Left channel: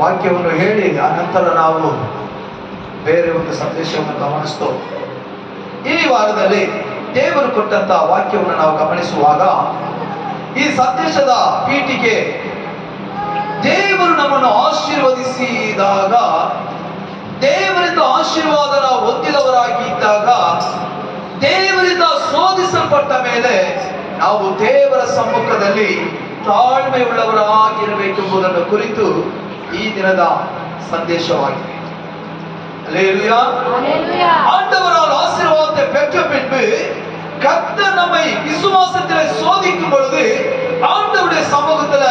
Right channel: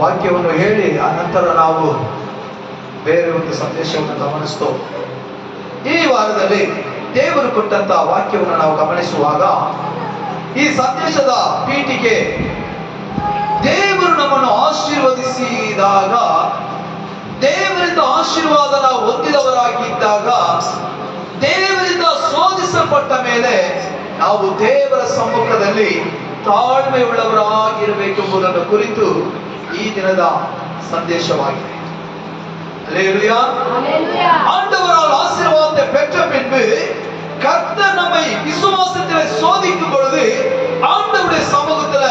ವಾಕ್ಯವನ್ನು ಹೇಳಿ ಅನಂತರ ನಾವು ಬೇರೆ ಒಂದು ಸಂದೇಶವನ್ನು ಗಮನಿಸ್ತೋ. ಈ ವಾರದಲ್ಲಿ ದೇವರು ಕೊಟ್ಟಂತಹ ವಾಕ್ಯವನ್ನು ನಾವು ಗಮನಿಸುವಾಗ ಈ ಸಂದೇಶದ ಪೀಠಿಕೆ ದೇವರು ನಮ್ಮನ್ನು ಆಶೀರ್ವದಿಸಿದಾಗ, ದೇವರಿಂದ ಆಶೀರ್ವಾದ ನಾವು ಹೊಂದಿದವರಾಗಿದ್ದಾಗ, ದೇವರಿಂದ ಶೋಧಿಸಲ್ಪಟ್ಟ ಮೇಲೆ ನಾವು ದೇವರ ಸಮ್ಮುಖದಲ್ಲಿ ತಾಳ್ಮೆಯುಳ್ಳವರಾಗಿರಬೇಕೆಂಬುದನ್ನು ಕುರಿತು ಈ ದಿನದ ಸಂದೇಶವಾಗಿದೆ. அல்லேலூயா. ஆண்டவரால் ஆசீர்வாதத்தை பெற்ற பின்பு கர்த்தர் நம்மை விசுவாசத்தில் சோதிக்கும் பொழுது ஆண்டவருடைய சமூகத்துல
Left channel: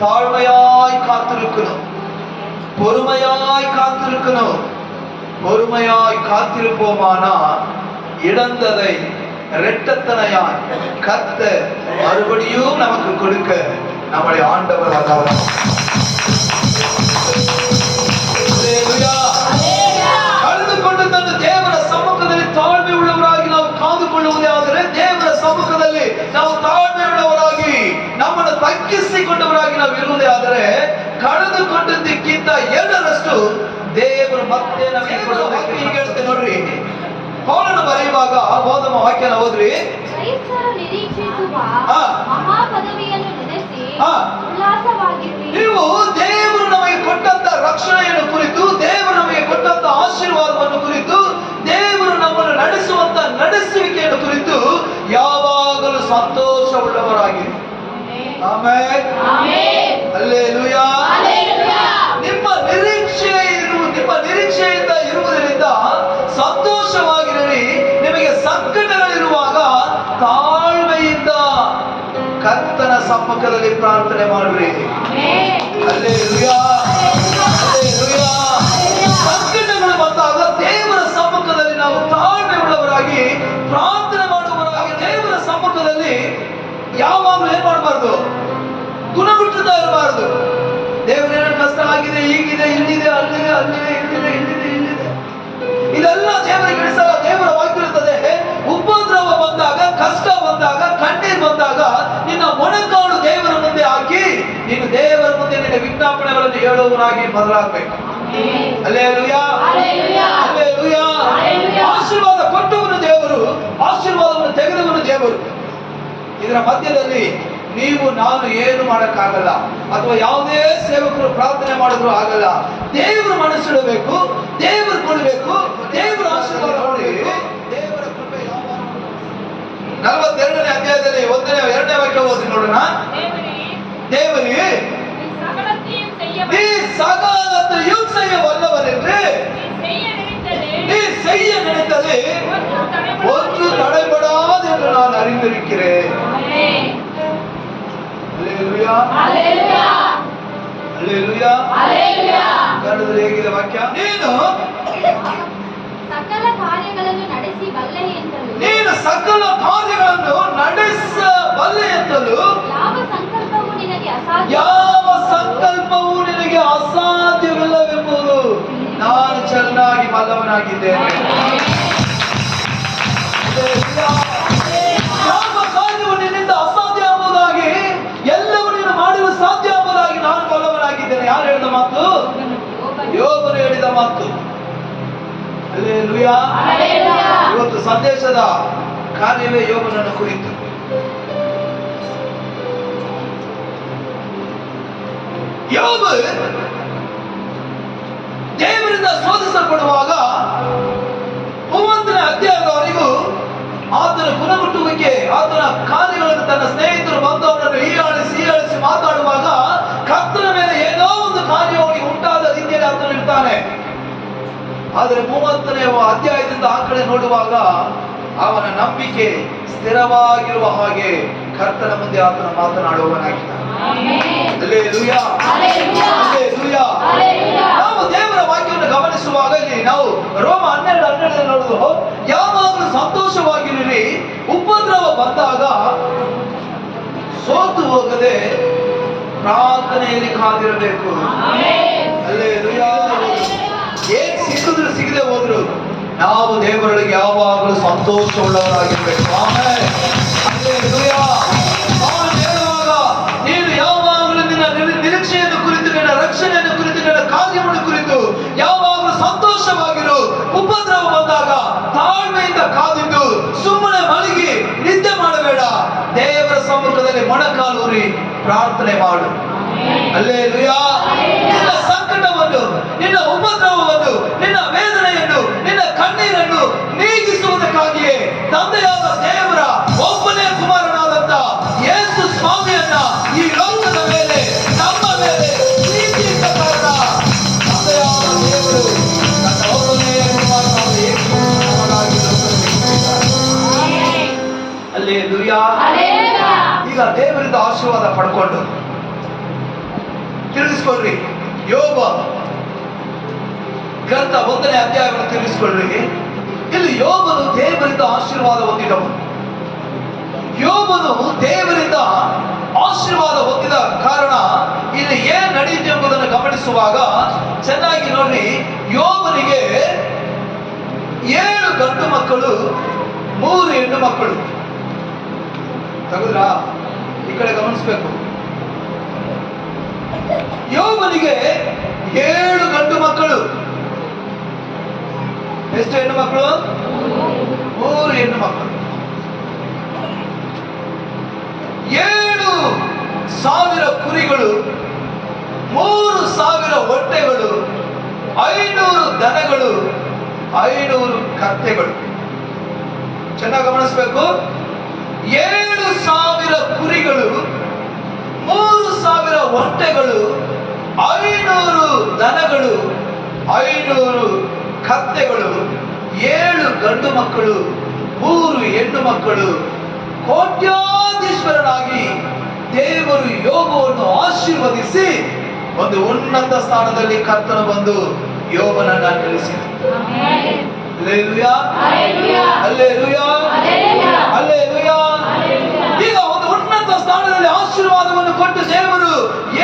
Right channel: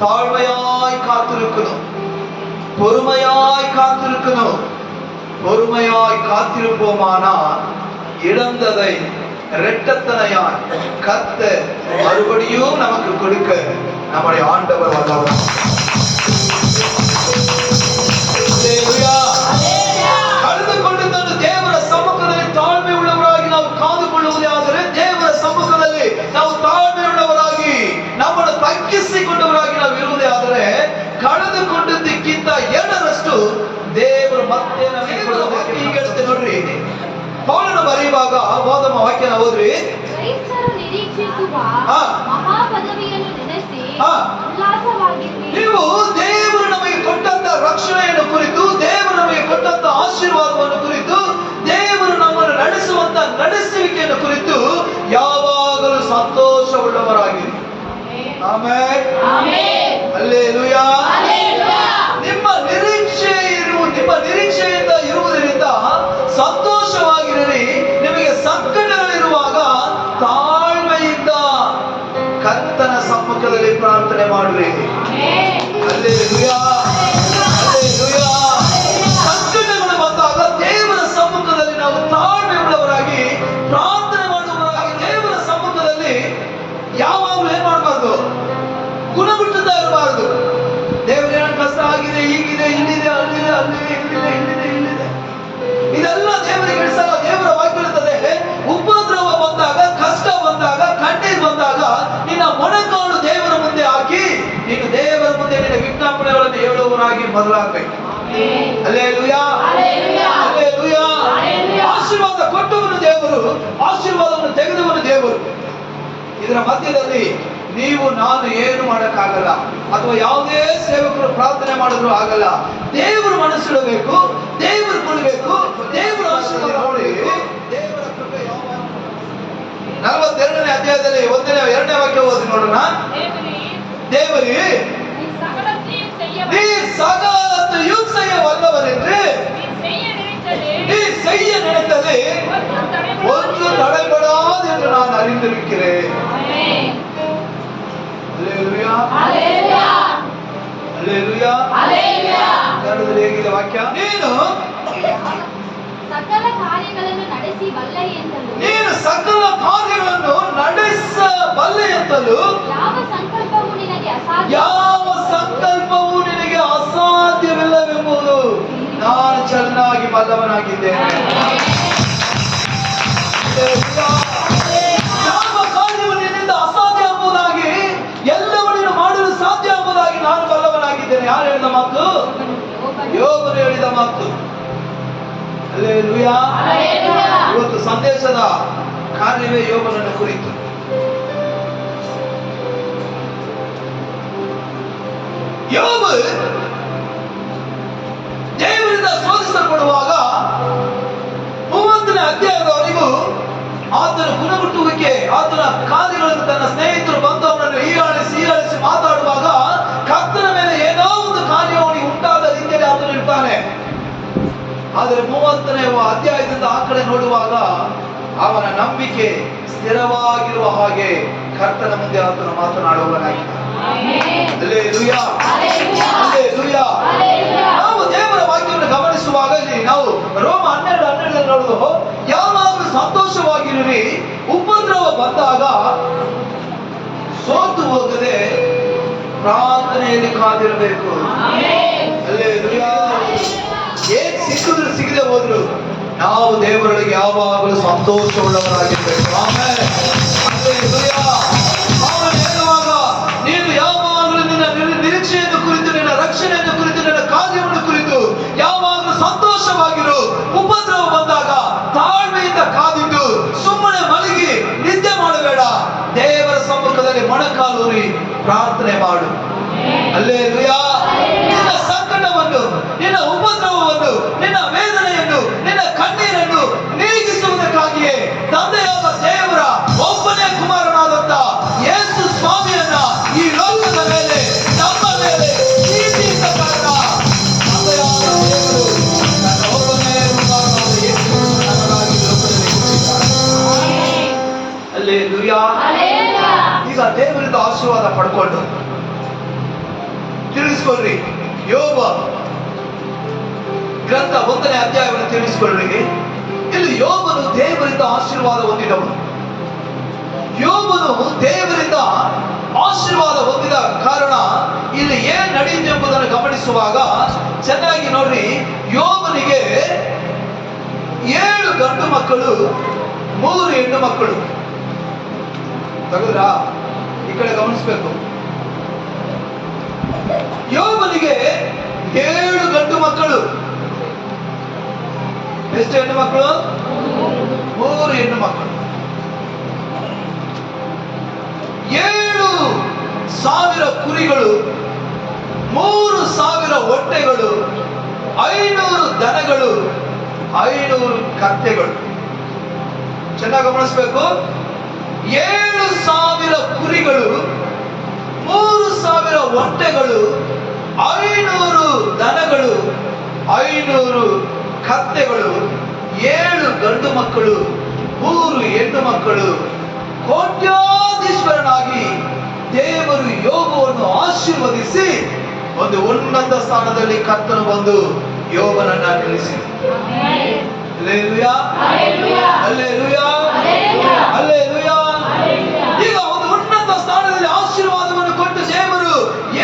தாழ்மையாய் காத்திருக்கணும், பொறுமையாய் காத்திருக்கணும். பொறுமையாய் காத்திருப்போமானால் இழந்ததை இரட்டத்தனையாய் கர்த்தர் மறுபடியும் நமக்கு கொடுக்க நம்முடைய ஆண்டவர் வல்லவர். ಕಳೆದುಕೊಂಡಿದ್ದನ್ನು ದೇವರ ಸಮ್ಮುಖದಲ್ಲಿ ತಾಳ್ಮೆ ಉಳ್ಳವರಾಗಿ ನಾವು ಕಾದುಕೊಳ್ಳುವುದಾದರೆ, ದೇವರ ಸಮ್ಮುಖದಲ್ಲಿ ನಾವು ತಾಳ್ಮೆ ಉಳ್ಳವರಾಗಿ ನಮ್ಮನ್ನು ತಗ್ಗಿಸಿಕೊಂಡವರಾಗಿ ನಾವು ಇರುವುದೇ ಆದರೆ, ಕಳೆದುಕೊಂಡದ್ದಕ್ಕಿಂತ ಎರಡರಷ್ಟು ದೇವರು ಮತ್ತೆ ನಮಗೆ ಕೊಡಬೇಕು. ಈಗ ಹೇಳ್ತೇನೆ ನೋಡ್ರಿ, ಪೌಲನು ಬರೆಯುವಾಗ ಓದಮ ವಾಕ್ಯನ ಓದ್ರಿ. ನೀವು ದೇವರು ನಮಗೆ ಕೊಟ್ಟಂತ ರಕ್ಷಣೆಯನ್ನು ಕುರಿತು, ದೇವರು ನಮಗೆ ಕೊಟ್ಟಂತ ಆಶೀರ್ವಾದವನ್ನು ಕುರಿತು, ದೇವರು ನಮ್ಮನ್ನು ನಡೆಸುವಂತ ನಡೆಸುವಿಕೆಯನ್ನು ಕುರಿತು ಯಾವಾಗಲೂ ಸಂತೋಷವುಳ್ಳವರಾಗಿ. ಆಮೆನ್. ಹಲ್ಲೆಲೂಯಾ. ನಿಮ್ಮ ನಿರೀಕ್ಷೆಯಿಂದ ಇರುವುದರಿಂದ ಸಂತೋಷವಾಗಿರಲಿ. ನಿಮಗೆ ಸಂಕಟಗಳಿರುವಾಗ ತಾಳ್ಮೆಯಿಂದ ಕರ್ತನ ಸಮ್ಮುಖದಲ್ಲಿ ಪ್ರಾರ್ಥನೆ ಮಾಡ್ರಿ. ಹಲ್ಲೆಲೂಯಾ. ಹಲ್ಲೆಲೂಯಾ. ಸಂಕಟಗಳು ಬಂದಾಗ ದೇವರ ಸಮ್ಮುಖದಲ್ಲಿ ನಾವು ತಾಳ್ಮೆ ಉಳ್ಳವರಾಗಿ ಪ್ರಾರ್ಥನೆ ಮಾಡುವವರಾಗಿ, ದೇವರ ಸಮ್ಮುಖದಲ್ಲಿ ಯಾವಾಗಲೂ ಏನ್ ಮಾಡಬಾರ್ದು, ಗುಣಗುಟ್ಟುತ್ತಾ ಇರಬಾರದು. ದೇವರೇನ ಕಷ್ಟ ಆಗಿದೆ, ಹೀಗಿದೆ, ಇಲ್ಲಿದೆ, ಅಲ್ಲಿದೆ, ಅಲ್ಲಿದೆ, ಇಲ್ಲಿದೆ, ಇಲ್ಲಿದೆ, ಇಲ್ಲಿದೆ, ಇದೆಲ್ಲ ದೇವರಿಗೆ ಇಡಿಸಲ್ಲ. ದೇವರ ವಾಕ್ಯ ಇರ್ತದೆ, ಉಪದ್ರವ ಬಂದಾಗ, ಕಷ್ಟ ಬಂದಾಗ, ಕಣ್ಣೀರು ಬಂದಾಗ ನಿನ್ನ ಮೊಣಕಾಲು ದೇವರ ಮುಂದೆ ಹಾಕಿ ನೀನು ದೇವರ ಮುಂದೆ ನಿನ್ನ ವಿಜ್ಞಾಪನೆಗಳನ್ನು ಹೇಳುವವನಾಗಿ ಬದಲಾಗಬೇಕು. ಹಲ್ಲೆಲೂಯಾ. ಹಲ್ಲೆಲೂಯಾ. ಆಶೀರ್ವಾದ ಕೊಟ್ಟವನು ದೇವರು, ಆಶೀರ್ವಾದವನ್ನು ತೆಗೆದವನು ದೇವರು. ಇದರ ಮಧ್ಯದಲ್ಲಿ ನೀವು ನಾನು ಏನು ಮಾಡಕ್ಕಾಗಲ್ಲ, ಅಥವಾ ಯಾವುದೇ ಸೇವಕರು ಪ್ರಾರ್ಥನೆ ಮಾಡಿದ್ರು ಆಗಲ್ಲ. ದೇವರು ಮನಸ್ಸಿಡಬೇಕು, ದೇವರು ಕೊಡಬೇಕು, ದೇವರ ಆಶೀರ್ವಾದ ಕೊಡಬೇಕು. ದೇವರ ಕೃಪೆ ಯಾವಾಗ 42ನೇ ಅಧ್ಯಾಯದಲ್ಲಿ 2ನೇ ವಾಕ್ಯ ಓದಿ ನೋಡೋಣ. தேவரே நீ சகலத்தையும் செய்ய வல்லவர் என்று நீ செய்ய நினைத்தது ஒன்று தடைபடாது என்று நான் அறிந்திருக்கிறேன். அல்லேலூயா. அல்லேலூயா. அல்லேಲೂಯಾ. அல்லேಲೂಯಾ. ಕನ್ನಡದಲ್ಲಿ ಹೇಗಿದೆ ವಾಕ್ಯ? ನೀನು ಸಕಲ ಕಾರ್ಯಗಳನ್ನು ನಡೆಸಿ ಬಲ್ಲೆ ಎಂತಲೂ, ನೀನು ಸಕಲ ಕಾರ್ಯಗಳನ್ನು ನಡೆಸಬಲ್ಲೆ ಎಂತಲೂ, ಯಾವ ಸಂಕಲ್ಪವೂ ನಿನಗೆ ಅಸಾಧ್ಯವಿಲ್ಲವೆಂಬುದು ನಾನು ಚೆನ್ನಾಗಿ ಬಲ್ಲವನಾಗಿದ್ದೇನೆ. ಯಾವ ಕಾರ್ಯವು ನಿನ್ನಿಂದ ಅಸಾಧ್ಯ ಎಂಬುದಾಗಿ, ಎಲ್ಲವೂ ನೀನು ಮಾಡಲು ಸಾಧ್ಯ ಎಂಬುದಾಗಿ ನಾನು ಬಲ್ಲವನಾಗಿದ್ದೇನೆ. ಯಾರು ಹೇಳಿದ ಮಾತು? ಯೋಬನು ಹೇಳಿದ ಮಾತು. ಹಲ್ಲೆಲೂಯಾ. ಇವತ್ತು ಸಂದೇಶದ ಕಾರ್ಯವೇ ಯೋಬನನ್ನು ಕುರಿತು. ಯೋಬ ದೇವರಿಂದ ಶೋಧಿಸಲ್ಪಡುವಾಗ 30ನೇ ಅಧ್ಯಾಯದವರೆಗೂ ಆತನ ಗುಣಗುಟ್ಟುವಿಕೆ, ಆತನ ಕಾರ್ಯಗಳನ್ನು ತನ್ನ ಸ್ನೇಹಿತರು ಬಂದು ಅವನನ್ನು ಹೀಯಾಳಿಸಿ ಮಾತಾಡುವಾಗ ಕರ್ತನ ಮೇಲೆ ಏನೋ ಒಂದು ಕಾರ್ಯ ಅವನಿಗೆ ಉಂಟಾದ ರೀತಿಯಲ್ಲಿ ಆತನು ಇರ್ತಾನೆ. ಆದರೆ 30ನೇ ಅಧ್ಯಾಯದಿಂದ ಆ ಕಡೆ ನೋಡುವಾಗ ಅವನ ನಂಬಿಕೆ ಸ್ಥಿರವಾಗಿರುವ ಹಾಗೆ ಕರ್ತನ ಮುಂದೆ ಆತನ ಮಾತನಾಡುವವನಾಗಿದ್ದಾನೆ. ಹಲ್ಲೆಲೂಯಾ. ಹಲ್ಲೆಲೂಯಾ. ನಾವು ದೇವರ ವಾಕ್ಯವನ್ನು ಗಮನಿಸುವಾಗ ನಾವು ರೋಮ 12:12 ನೋಡುವುದು, ಯಾವಾಗಲೂ ಸಂತೋಷವಾಗಿರಿ, ಉಪದ್ರವ ಬಂದಾಗ ಸೋತು ಹೋಗದೆ ಪ್ರಾರ್ಥನೆಯಲ್ಲಿ ಕಾದಿರಬೇಕು. ಹಲ್ಲೆಲೂಯಾ. ಏನ್ ಸಿಕ್ಕಿದ್ರು ಸಿಗದೆ ಹೋದ್ರು ನಾವು ದೇವರೊಳಗೆ ಯಾವಾಗಲೂ ಸಂತೋಷವುಳ್ಳವರಾಗಿರ್ಬೇಕು. ಆಮೆನ್. ಹಲ್ಲೆಲೂಯಾ. ನೀನು ಯಾವಾಗಲೂ ನಿನ್ನ ನಿರೀಕ್ಷೆಯನ್ನು ಕುರಿತು, ನಿನ್ನ ರಕ್ಷಣೆ ಸಂತೋಷವಾಗಿರು. ಉಪದ್ರವ ಬಂದಾಗ ತಾಳ್ಮೆಯಿಂದ ಕಾದಿದ್ದು ಸುಮ್ಮನೆ ಮಲಗಿ ನಿದ್ದೆ ಮಾಡಬೇಡ. ದೇವರ ಸಮ್ಮುಖದಲ್ಲಿ ಮೊಣಕಾಲೂರಿ ಪ್ರಾರ್ಥನೆ ಮಾಡು. ಹಲ್ಲೆಲೂಯಾ. ನಿನ್ನ ಸಂಕಟವನ್ನು, ನಿನ್ನ ಉಪದ್ರವವನ್ನು, ನಿನ್ನ ವೇದನೆಯನ್ನು, ನಿನ್ನ ಕಣ್ಣೀರನ್ನು ನೀಗಿಸುವುದಕ್ಕಾಗಿಯೇ ತಂದೆಯಾದ ದೇವರ ಒಬ್ಬನೇ ಕುಮಾರನಾದಂತ ಯೇಸು ಸ್ವಾಮಿಯನ್ನ ಈ ಲೋಕದ ಮೇಲೆ, ನಮ್ಮ ಮೇಲೆ ಪ್ರೀತಿಯಿಂದ ಕಾರಣ ತಂದೆಯಾದ ದೇವರು ತನ್ನ ಒಬ್ಬನೇ ಕುಮಾರನಾದ ಯೇಸು ನಮಗಾಗಿ ಲೋಕದಲ್ಲಿ ಹುಟ್ಟಿದ್ದಾನೆ. ಹಲ್ಲೆಲೂಯಾ. ಈಗ ದೇವರಿಂದ ಆಶೀರ್ವಾದ ಪಡ್ಕೊಂಡು ತಿಳಿಸ್ಕೊಳ್ರಿ. ಯೋಬ ಗ್ರಂಥ 1ನೇ ಅಧ್ಯಾಯವನ್ನು ತಿಳಿಸ್ಕೊಳ್ರಿ. ಇಲ್ಲಿ ಯೋಬನು ದೇವರಿಂದ ಆಶೀರ್ವಾದ ಹೊಂದಿದವನು. ಯೋಬನು ದೇವರಿಂದ ಆಶೀರ್ವಾದ ಹೊಂದಿದ ಕಾರಣ ಇಲ್ಲಿ ಏನ್ ನಡೆಯುತ್ತೆ ಎಂಬುದನ್ನು ಗಮನಿಸುವಾಗ ಚೆನ್ನಾಗಿ ನೋಡ್ರಿ. ಯೋಬನಿಗೆ 7 ಗಂಡು ಮಕ್ಕಳು, 3 ಹೆಣ್ಣು ಮಕ್ಕಳು. ತಗುದ್ರಾ? ಈ ಕಡೆ ಗಮನಿಸ್ಬೇಕು. ಯೋಬನಿಗೆ 7 ಗಂಡು ಮಕ್ಕಳು. ಎಷ್ಟು ಹೆಣ್ಣು ಮಕ್ಕಳು? 3 ಹೆಣ್ಣು ಮಕ್ಕಳು. 7,000 ಕುರಿಗಳು, 3,000 ಹೊಟ್ಟೆಗಳು, 500 ದನಗಳು, 500 ಕತ್ತೆಗಳು. ಚೆನ್ನಾಗಿ ಗಮನಿಸಬೇಕು. 7,000 ಕುರಿಗಳು, 3,000 ಹೊಟ್ಟೆಗಳು, 500 ದನಗಳು, 500 ಕತ್ತೆಗಳು, 7 ಗಂಡು ಮಕ್ಕಳು, 3 ಹೆಣ್ಣು ಮಕ್ಕಳು. ಕೋಟ್ಯಾಧೀಶ್ವರನಾಗಿ ದೇವರು ಯೋಬವನ್ನು ಆಶೀರ್ವದಿಸಿ ಒಂದು ಉನ್ನತ ಸ್ಥಾನದಲ್ಲಿ ಕರ್ತನು ಬಂದು ಯೋಬನನ್ನ ನಿಲ್ಲಿಸಿದ. ಹಲ್ಲೆಲೂಯಾ. ಹಲ್ಲೆಲೂಯಾ. ಹಲ್ಲೆಲೂಯಾ. ಈಗ ಒಂದು ಉನ್ನತ ಸ್ಥಾನದಲ್ಲಿ ಆಶೀರ್ವಾದವನ್ನು ಕೊಟ್ಟು ದೇವರು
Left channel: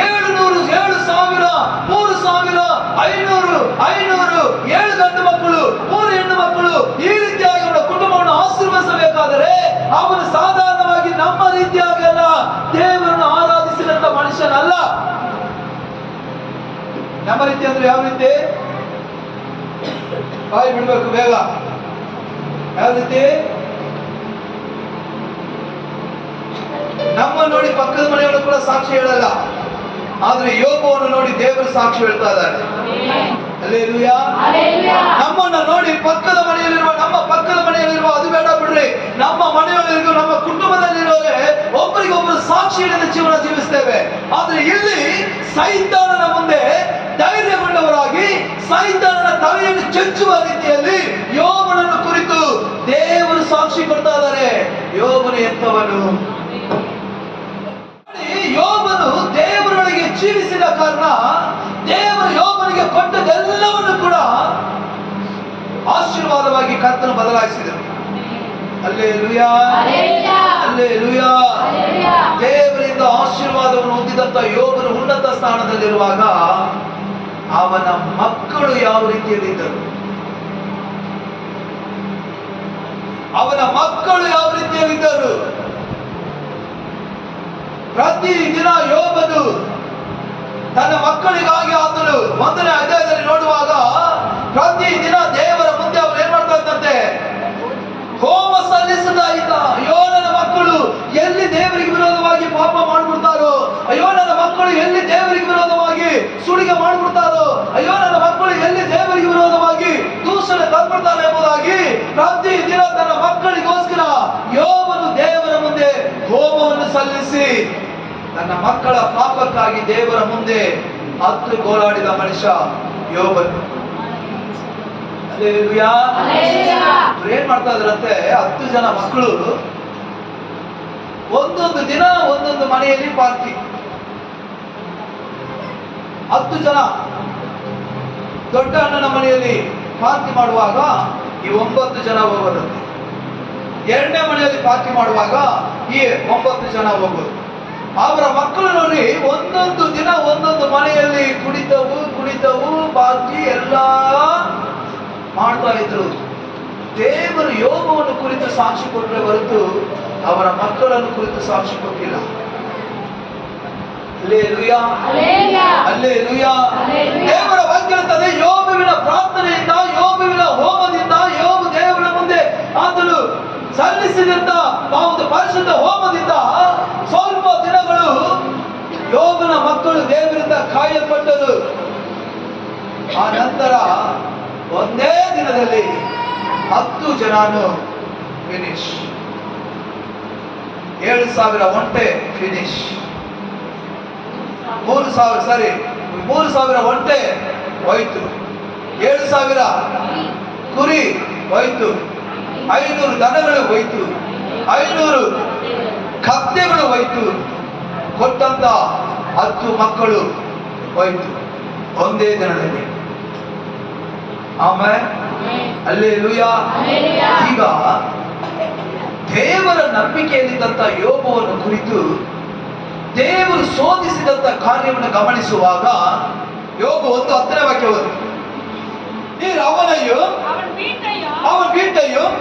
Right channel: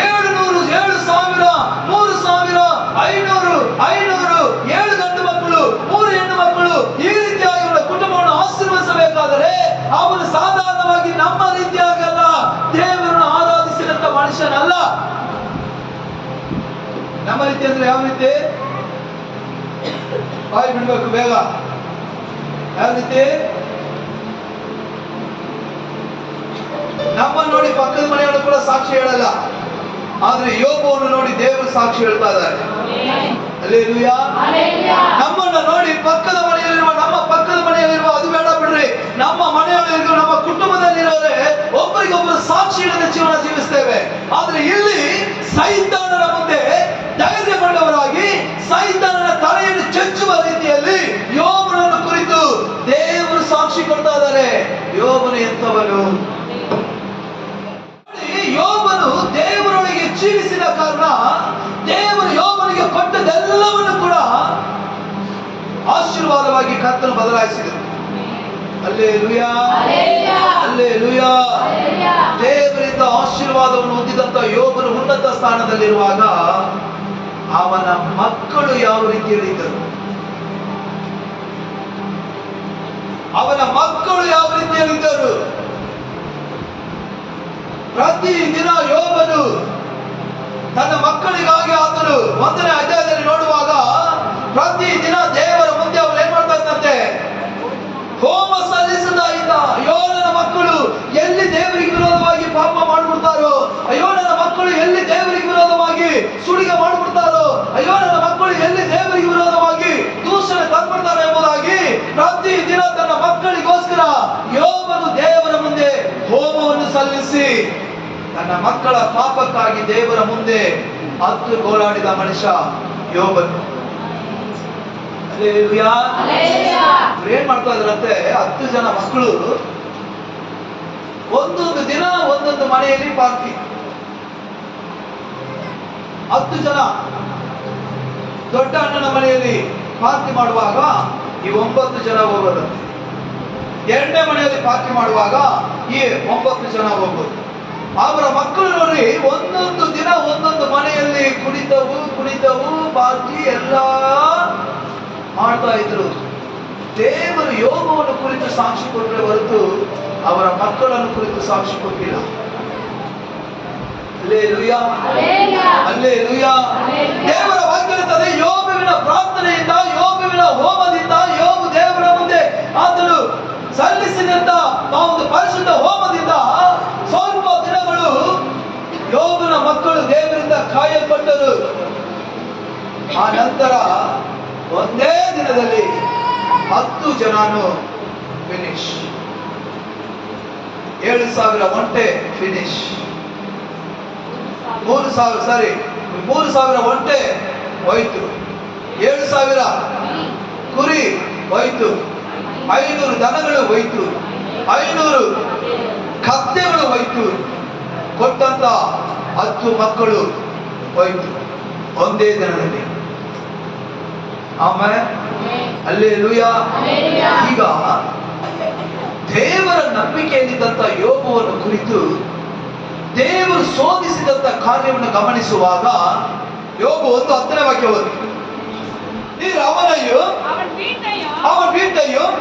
700, 7,000, 3,000, 500, 7 ಗಂಡು ಮಕ್ಕಳು, 3 ಹೆಣ್ಣು ಮಕ್ಕಳು, ಈ ರೀತಿಯಾಗಿ ಒಂದು ಕುಟುಂಬವನ್ನು ಆಶೀರ್ವದಿಸಬೇಕಾದರೆ ಅವನು ಸಾಧಾರಣವಾಗಿ ನಮ್ಮ ರೀತಿಯಾಗಲ್ಲ, ದೇವರನ್ನು ಆರಾಧಿಸಿದಂತ ಮನುಷ್ಯನಲ್ಲ. ನಮ್ಮ ರೀತಿ ಅಂದ್ರೆ ಯಾವ ರೀತಿ? ಬಾಯಿ ಬಿಡ್ಬೇಕು ಬೇಗ. ಯಾವ ರೀತಿ? ನಮ್ಮ ನೋಡಿ ಪಕ್ಕದ ಮನೆಗಳು ಕೂಡ ಸಾಕ್ಷಿ ಹೇಳಲ್ಲ, ಆದ್ರೆ ಯೋಬವನ್ನು ನೋಡಿ ದೇವರು ಸಾಕ್ಷಿ ಹೇಳ್ತಾ ಇದ್ದಾರೆ. ಹಲ್ಲೆಲೂಯಾ. ನಮ್ಮನ್ನ ನೋಡಿ ಪಕ್ಕದ ಮನೆಯಲ್ಲಿರುವ, ನಮ್ಮ ಪಕ್ಕದ ಮನೆಯಲ್ಲಿರುವ, ಅದು ಬೇಡ ಬಿಡ್ರಿ, ನಮ್ಮ ಮನೆಯಲ್ಲಿರುವ, ನಮ್ಮ ಕುಟುಂಬದಲ್ಲಿರೋರೆ ಒಬ್ಬರಿಗೊಬ್ಬರು ಸಾಕ್ಷಿ ಹಿಡಿದ ಜೀವನ ಜೀವಿಸ್ತೇವೆ. ಆದ್ರೆ ಇಲ್ಲಿ ಸೈತಾನನ ಮುಂದೆ ಧೈರ್ಯಗೊಂಡವರಾಗಿ ಸೈತಾನನ ತಲೆಯನ್ನು ಚೆಚ್ಚುವ ರೀತಿಯಲ್ಲಿ ಯೋಬನನ್ನು ಕುರಿತು ದೇವರು ಸಾಕ್ಷಿ ಕೊಡ್ತಾ ಇದ್ದಾರೆ. ಯೋಬನು ಎಂತವನು? ಯೋಬನು ದೇವರೊಳಗೆ ಜೀವಿಸಿದ ಕಾರಣ ದೇವರು ಯೋಬನಿಗೆ ಕೊಟ್ಟದೆಲ್ಲವನ್ನು ಕೂಡ ಆಶೀರ್ವಾದವಾಗಿ ಕರ್ತನು ಬದಲಾಯಿಸಿದರು. ಹಲ್ಲೆಲೂಯಾ. ಹಲ್ಲೆಲೂಯಾ. ದೇವರಿಂದ ಆಶೀರ್ವಾದವನ್ನು ಹೊಂದಿದಂತ ಯೋಬನು ಉನ್ನತ ಸ್ಥಾನದಲ್ಲಿರುವಾಗ ಅವನ ಮಕ್ಕಳು ಯಾವ ರೀತಿಯಲ್ಲಿದ್ದರು? ಅವನ ಮಕ್ಕಳು ಯಾವ ರೀತಿಯಲ್ಲಿದ್ದರು? ಪ್ರತಿ ದಿನ ಯೋಬನು ತನ್ನ ಮಕ್ಕಳಿಗಾಗಿ ಆತನು 1ನೇ ಅಧ್ಯಾಯದಲ್ಲಿ ನೋಡುವಾಗ ಪ್ರತಿ ದಿನ ದೇವರ ಮುಂದೆ ಅವರು ಏನ್ ಮಾಡ್ತಾ ಇದ್ದಂತೆ? ಹೋಮ ಸಲ್ಲಿಸುತ್ತಾ ಇದ್ದ. ಅಯ್ಯೋ ನನ್ನ ಮಕ್ಕಳು ಎಲ್ಲಿ ದೇವರಿಗೆ ವಿರೋಧವಾಗಿ ಪಾಪ ಮಾಡ್ಬಿಡ್ತಾರೋ, ಅಯ್ಯೋ ನನ್ನ ಮಕ್ಕಳು ಎಲ್ಲಿ ದೇವರಿಗೆ ವಿರೋಧವಾಗಿ ಸುಳಿಗೆ ಮಾಡ್ಬಿಡ್ತಾರೋ, ಅಯ್ಯೋ ನನ್ನ ಮಕ್ಕಳು ಎಲ್ಲಿ ದೇವರಿಗೆ ವಿರೋಧವಾಗಿ ದೂಷಣೆ ತಂದ್ಬಿಡ್ತಾರೆ ಎಂಬುದಾಗಿ ಪ್ರತಿ ದಿನ ತನ್ನ ಮಕ್ಕಳಿಗೋಸ್ಕರ ಯೋಬನು ದೇವರ ಮುಂದೆ ಹೋಮವನ್ನು ಸಲ್ಲಿಸಿ ತನ್ನ ಮಕ್ಕಳ ಪಾಪಕ್ಕಾಗಿ ದೇವರ ಮುಂದೆ ಹತ್ತು ಗೋಳಾಡಿದ ಮನುಷ್ಯ ಯೋಬನು. ಹಲ್ಲೆಲೂಯಾ. ಏನ್ ಮಾಡ್ತಾ ಇದ್ರಂತೆ? 10 ಜನ ಮಕ್ಕಳು ಒಂದೊಂದು ದಿನ ಒಂದೊಂದು ಮನೆಯಲ್ಲಿ ಪಾರ್ಟಿ. 10 ಜನ ದೊಡ್ಡ ಅಣ್ಣನ ಮನೆಯಲ್ಲಿ ಪಾರ್ಟಿ ಮಾಡುವಾಗ ಈ 9 ಜನ ಹೋಗೋದಂತೆ. 2ನೇ ಮನೆಯಲ್ಲಿ ಪಾರ್ಟಿ ಮಾಡುವಾಗ ಈ 9 ಜನ ಹೋಗೋದು. ಅವರ ಮಕ್ಕಳು ನೋಡಿ ಒಂದೊಂದು ದಿನ ಒಂದೊಂದು ಮನೆಯಲ್ಲಿ ಕುಡಿತವು ಪಾರ್ಟಿ ಎಲ್ಲ ಮಾಡ್ತಾ ಇದ್ರು. ದೇವರು ಯೋಬವನ್ನು ಕುರಿತು ಸಾಕ್ಷಿ ಕೊಟ್ಟರೆ ಹೊರತು ಅವರ ಮಕ್ಕಳನ್ನು ಕುರಿತು ಸಾಕ್ಷಿ ಕೊಟ್ಟಿಲ್ಲ. ಹಲ್ಲೆಲೂಯಾ. ಹಲ್ಲೆಲೂಯಾ. ದೇವರ ವಾಕ್ಯ ಹೇಳ್ತದೆ, ಯೋಬನ ಪ್ರಾರ್ಥನೆಯಿಂದ ರೋಗದಿಂದ ಕಾಯಲ್ಪಟ್ಟರು. ಆ ನಂತರ ಒಂದೇ ದಿನದಲ್ಲಿ 10 ಜನನು ಫಿನಿಶ್. 7,000 ಒಂಟೆ ಫಿನಿಶ್. 3,000 ಒಂಟೆ ಹೋಯ್ತು. 7,000 ಕುರಿ ಹೋಯ್ತು. 500 ದನಗಳು ಹೋಯ್ತು. 500 ಕತ್ತೆಗಳು ಹೋಯ್ತು. ಕೊಟ್ಟಂತ 10 ಮಕ್ಕಳು ಹೋಯ್ತು ಒಂದೇ ದಿನದಲ್ಲಿ. ಆಮೇಲೆ ಹಲ್ಲೆಲೂಯಾ. ಈಗ ದೇವರ ನಂಬಿಕೆಯಲ್ಲಿದ್ದಂತ ಯೋಬವನ್ನು ಕುರಿತು ದೇವರು ಶೋಧಿಸಿದಂತ ಕಾರ್ಯವನ್ನು ಗಮನಿಸುವಾಗ ಯೋಬ 1:10 ವಾಕ್ಯ ಓದಿ. நீர் அவனையும் அவன் வீட்டையும்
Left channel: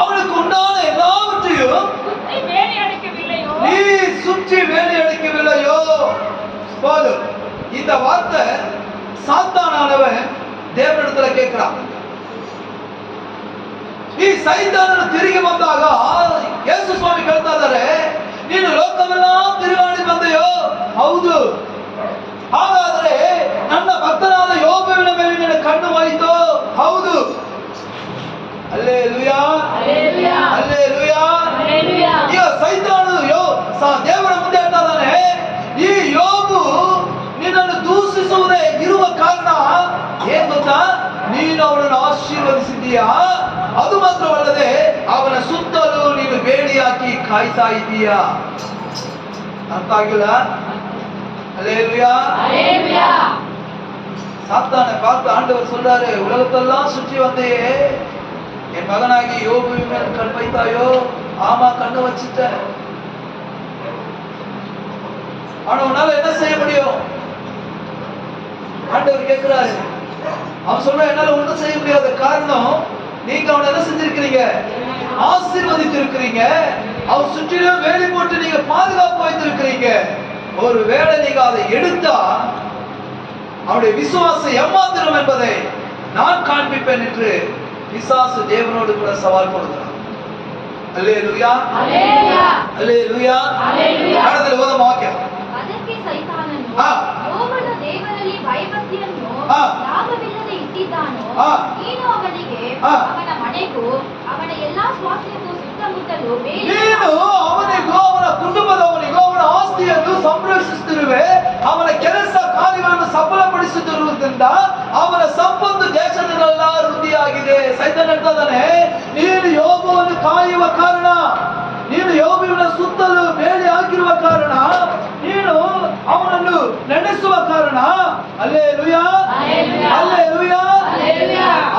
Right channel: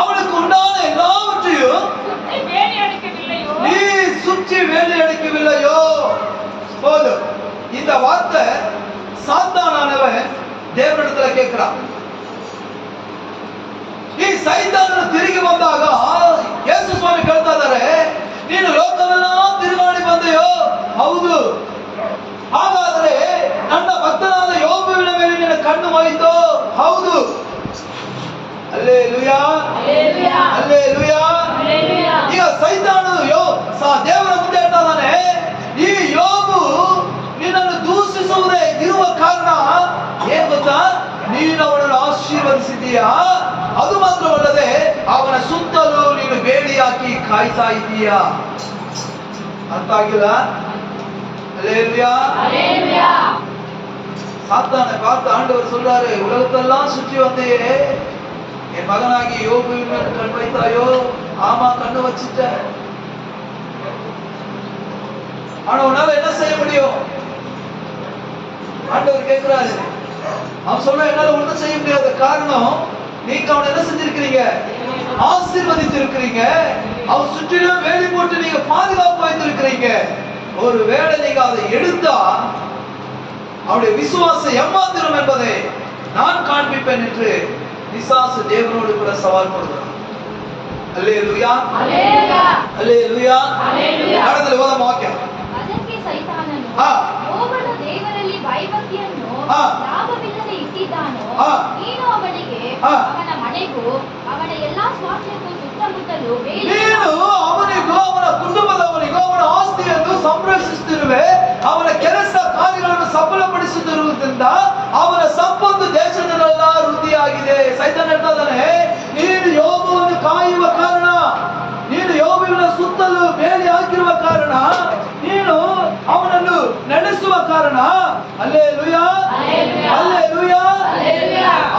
அவனுக்கு உண்டான எல்லாவற்றையும் நீ சுற்றி வேலி அடிக்கவில்லையோ. போதும். இந்த வார்த்தை சாத்தானானவன் ದೇವರಿடத்துல கேட்கிறான். ಈ ಸೈತಾನನು ತಿರುಗಿ ಬಂದಾಗ ಯೇಸು ಸ್ವಾಮಿ ಹೇಳ್ತಾ ಇದ್ದಾರೆ, ನೀನು ಲೋಕವೆಲ್ಲ ತಿರುಗಾಡಿ ಬಂದೆಯೋ? ಹೌದು. ಹಾಗಾದರೆ ನನ್ನ ಭಕ್ತನಾದ ಯೋಬುವಿನ ಮೇಲೆ ನಿನ್ನ ಕಣ್ಣು ಹೋಯಿತು? ಹೌದು. Hallelujah, hallelujah. ಈಗ ಸೈತಾನನು ದೇವರ ಮುಂದೆ ಹೇಳ್ತಾ ಇದ್ದಾನೆ, ಈ ಯೋಬು ನಿನ್ನನ್ನು ದೂಷಿಸುವುದೇ ಇರುವ ಕಾರಣ ಏನ್ ಗೊತ್ತಾ? ನೀನು ಅವನನ್ನು ಆಶೀರ್ವದಿಸಿದ್ದೀಯಾ. ಅದು ಮಾತ್ರವಲ್ಲದೆ ಅವನ ಸುತ್ತಲೂ ನೀನು ಬೇಡಿ ಹಾಕಿ ಕಾಯ್ತಾ ಇದ್ದೀಯಾ. ಅರ್ಥ ಆಗಿಲ್ಲ? ஹல்லேலூயா. சாத்தானை பார்த்து ஆண்டவர் சொல்றாரு, உலகத்தெல்லாம் சுற்றி வந்தையே, என் மகனாகி யோபுவின் மேல் கண் வைத்தாயோ? ஆமா, கண்ணு வச்சிட்ட. ஆனா உன்னால என்ன செய்ய முடியும்? ஆண்டவர் கேட்கிறாரு. அவன் சொல்ற, என்னால ஒண்ணும் செய்ய முடியாத. காரணம், நீங்க அவனை என்ன செஞ்சிருக்கிறீங்க? ஆசீர்வதித்திருக்கிறீங்க. அவன் சுற்றிலும் வேலி போட்டு நீங்க பாதுகாப்பு வைத்திருக்கிறீங்க. ஒருவேளை நீங்க அதை எடுத்தா அவருடைய விசுவாசம் ஏமாத்திரும் என்பதை நான் காண்பிப்பேன் என்று பிசாசு தேவனோடு கூட சவால் போடுகிறான். அல்லேலூயா, அல்லேலூயா, அல்லேலூயா, அல்லேலூயா. அடுத்த ஓದಮ ವಾಕ್ಯ. ಅದಕ್ಕೆ ಸೈತಾನನು ಯೋಬನ ದೇವರಲ್ಲಿ ಭಯಭಕ್ತಿಯನ್ನು ಲಾಭವಿಲ್ಲದೆ ಇಟ್ಟಿದ್ದಾನೋ, ನೀನು ಅವನಿಗೆ ಅವನ ಮನೆಗೂ ಅವನ ಎಲ್ಲಾ ಸ್ವಾಸ್ಥ್ಯಕ್ಕೂ ಸುತ್ತಮುತ್ತಲೂ ನೀನು ಅವನಿಗೂ ಅವನ ಕುಟುಂಬದವನಿಗೂ ಅವನ ಆಸ್ತಿಯನ್ನು ಸಂರಕ್ಷಿಸುತ್ತಿರುವೆ. ಅವನ ಕೆಲಸ ಕಾರ್ಯಗಳನ್ನು ಸಫಲಪಡಿಸುತ್ತಿರುವುದರಿಂದ ಅವನ ಸಂಪತ್ತು ದೇಶದಲ್ಲೆಲ್ಲ ವೃದ್ಧಿಯಾಗಿದೆ. ಸೈತಾನ ಹೇಳ್ತಾ ಇದ್ದಾನೆ, ನೀನು ಯೋಬವನ್ನು ಕಾಯುವ ಕಾರಣ, ನೀನು ಯೋಬುವಿನ ಸುತ್ತಲೂ ಬೇಲಿ ಹಾಕಿರುವ ಕಾರಣ, ನೀನು ಅವನನ್ನು ನಡೆಸುವ ಕಾರಣ, ಹಲ್ಲೆಲೂಯಾ, ಹಲ್ಲೆಲೂಯಾ,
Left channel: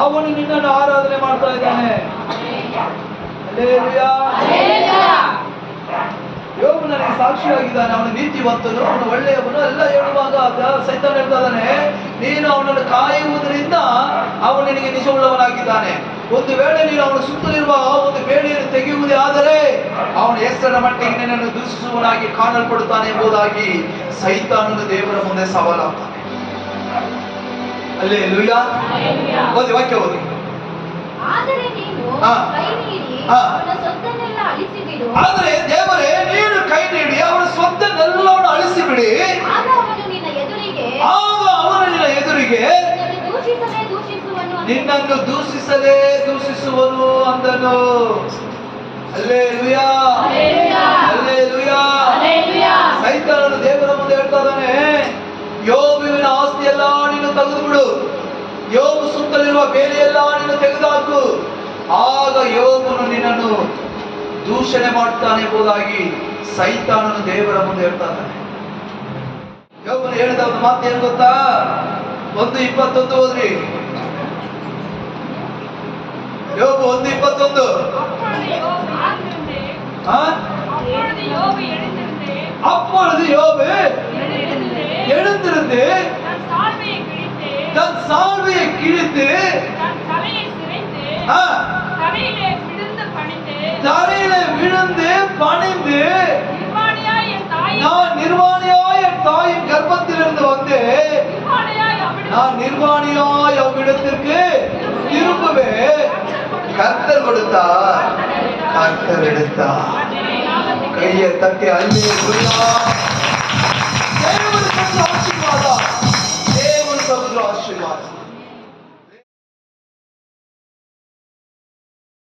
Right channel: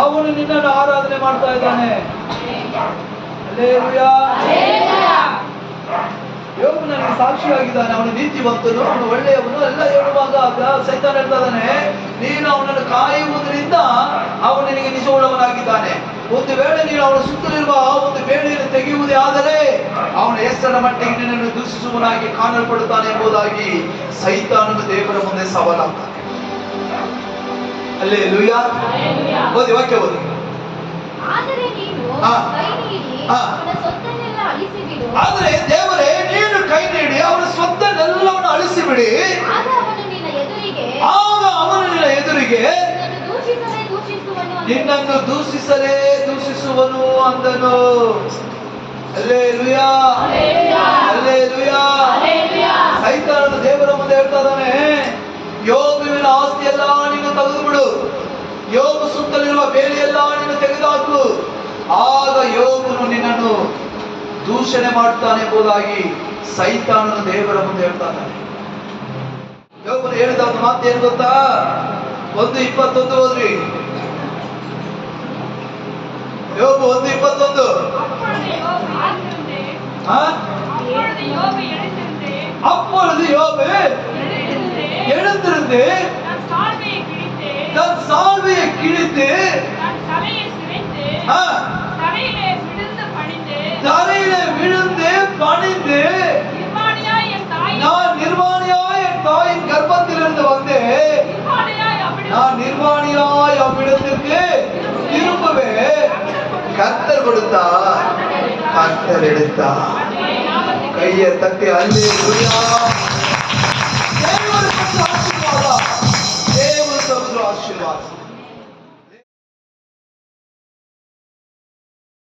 ಅವನು ನಿನ್ನನ್ನು ಆರಾಧನೆ ಮಾಡ್ತಾ ಇದ್ದಾನೆ. ಹಲ್ಲೆಲೂಯಾ. ಯೋಬು ನನಗೆ ಸಾಕ್ಷಿಯಾಗಿದ್ದಾನೆ, ಅವನು ನೀತಿವಂತನು, ಅವನು ಒಳ್ಳೆಯವನು ಎಲ್ಲ ಹೇಳುವಾಗ ಸೈತಾನ ಹೇಳ್ತಾ ಇದ್ದಾನೆ, ನೀನು ಅವನನ್ನು ಕಾಯುವುದರಿಂದ ಅವನು ನಿನಗೆ ನಿಜವುಳ್ಳವನಾಗಿದ್ದಾನೆ. ಒಂದು ವೇಳೆ ನೀನು ಅವನ ಸುತ್ತಲಿರುವ ಒಂದು ಬೇಡಿಯನ್ನು ತೆಗೆಯುವುದೇ ಆದರೆ ಅವನ ಹೆಸರಿನ ಮಟ್ಟಿಗೆ ನಿನ್ನನ್ನು ದೂಷಿಸುವನಾಗಿ ಕಾಣಲ್ಪಡುತ್ತಾನೆ ಎಂಬುದಾಗಿ ಸೈತಾನನು ದೇವರ ಮುಂದೆ ಸವಾಲಾಗ್ತಾನೆ. ಹಲ್ಲೆಲೂಯಾ. ಓದಿ ವಾಕ್ಯ ಓದಿ. ಆದರೆ ನೀನು ಕೈ ನೀಡಿ ಅವನ ಸೊತ್ತನ್ನೆಲ್ಲ ಅಳಿಸಿಬಿಡು. ಆದರೆ ದೇವರೇ, ನೀನು ಕೈ ನೀಡಿ ಅವನ ಸ್ವತ್ತನ್ನೆಲ್ಲವನ್ನು ಅಳಿಸಿಬಿಡಿ. ಆಗ ಅವನು ನಿನ್ನ ಎದುರಿಗೆ ನಿನ್ನನ್ನು ದೂಷಿಸಲೇ ದೂಷಿಸುವನು ಅಂದನು. Hallelujah, hallelujah. ಸೈತಾನನು ದೇವರ ಮುಂದೆ ಹೇಳ್ತಾ ಇದ್ದಾನೆ, ಯೋಬುವಿನ ಆಸ್ತಿ ಎಲ್ಲ ನೀನು ತೆಗೆದು ಬಿಡು, ಯೋಬು ಸುತ್ತಲಿರುವ ಬೇಲಿಯೆಲ್ಲ ನೀನು ತೆಗೆದುಹಾಕು, ಆಗ ಯೋಬನು ನಿನ್ನನ್ನು ದೂಷಣೆ ಮಾಡ್ತಾನೆ ಎಂಬುದಾಗಿ ಸೈತಾನನು ದೇವರ ಮುಂದೆ ಹೇಳ್ತಾ ಇದ್ದಾನೆ. ಯೋಬನು ಹೇಳಿದ ಒಂದು ಮಾತು ಏನು ಗೊತ್ತಾ? 1:21 ಓದ್ರಿ. ಯೋಬು 1:21. அப்பொழுது யோபு எழுந்திருந்து தன் சால்வையை கிழித்து தரையிலே விழுந்து பணிந்து, நான் நிர்வாணியாய் என் தாயின் கர்ப்பத்திலிருந்து வந்தேன், நான் நிர்வாணியாய் அவ்விடத்திற்கு திரும்புவேன். கர்த்தர் கொடுத்தார், கர்த்தர் எடுத்தார். கையை தட்டி அல்லேலூயா.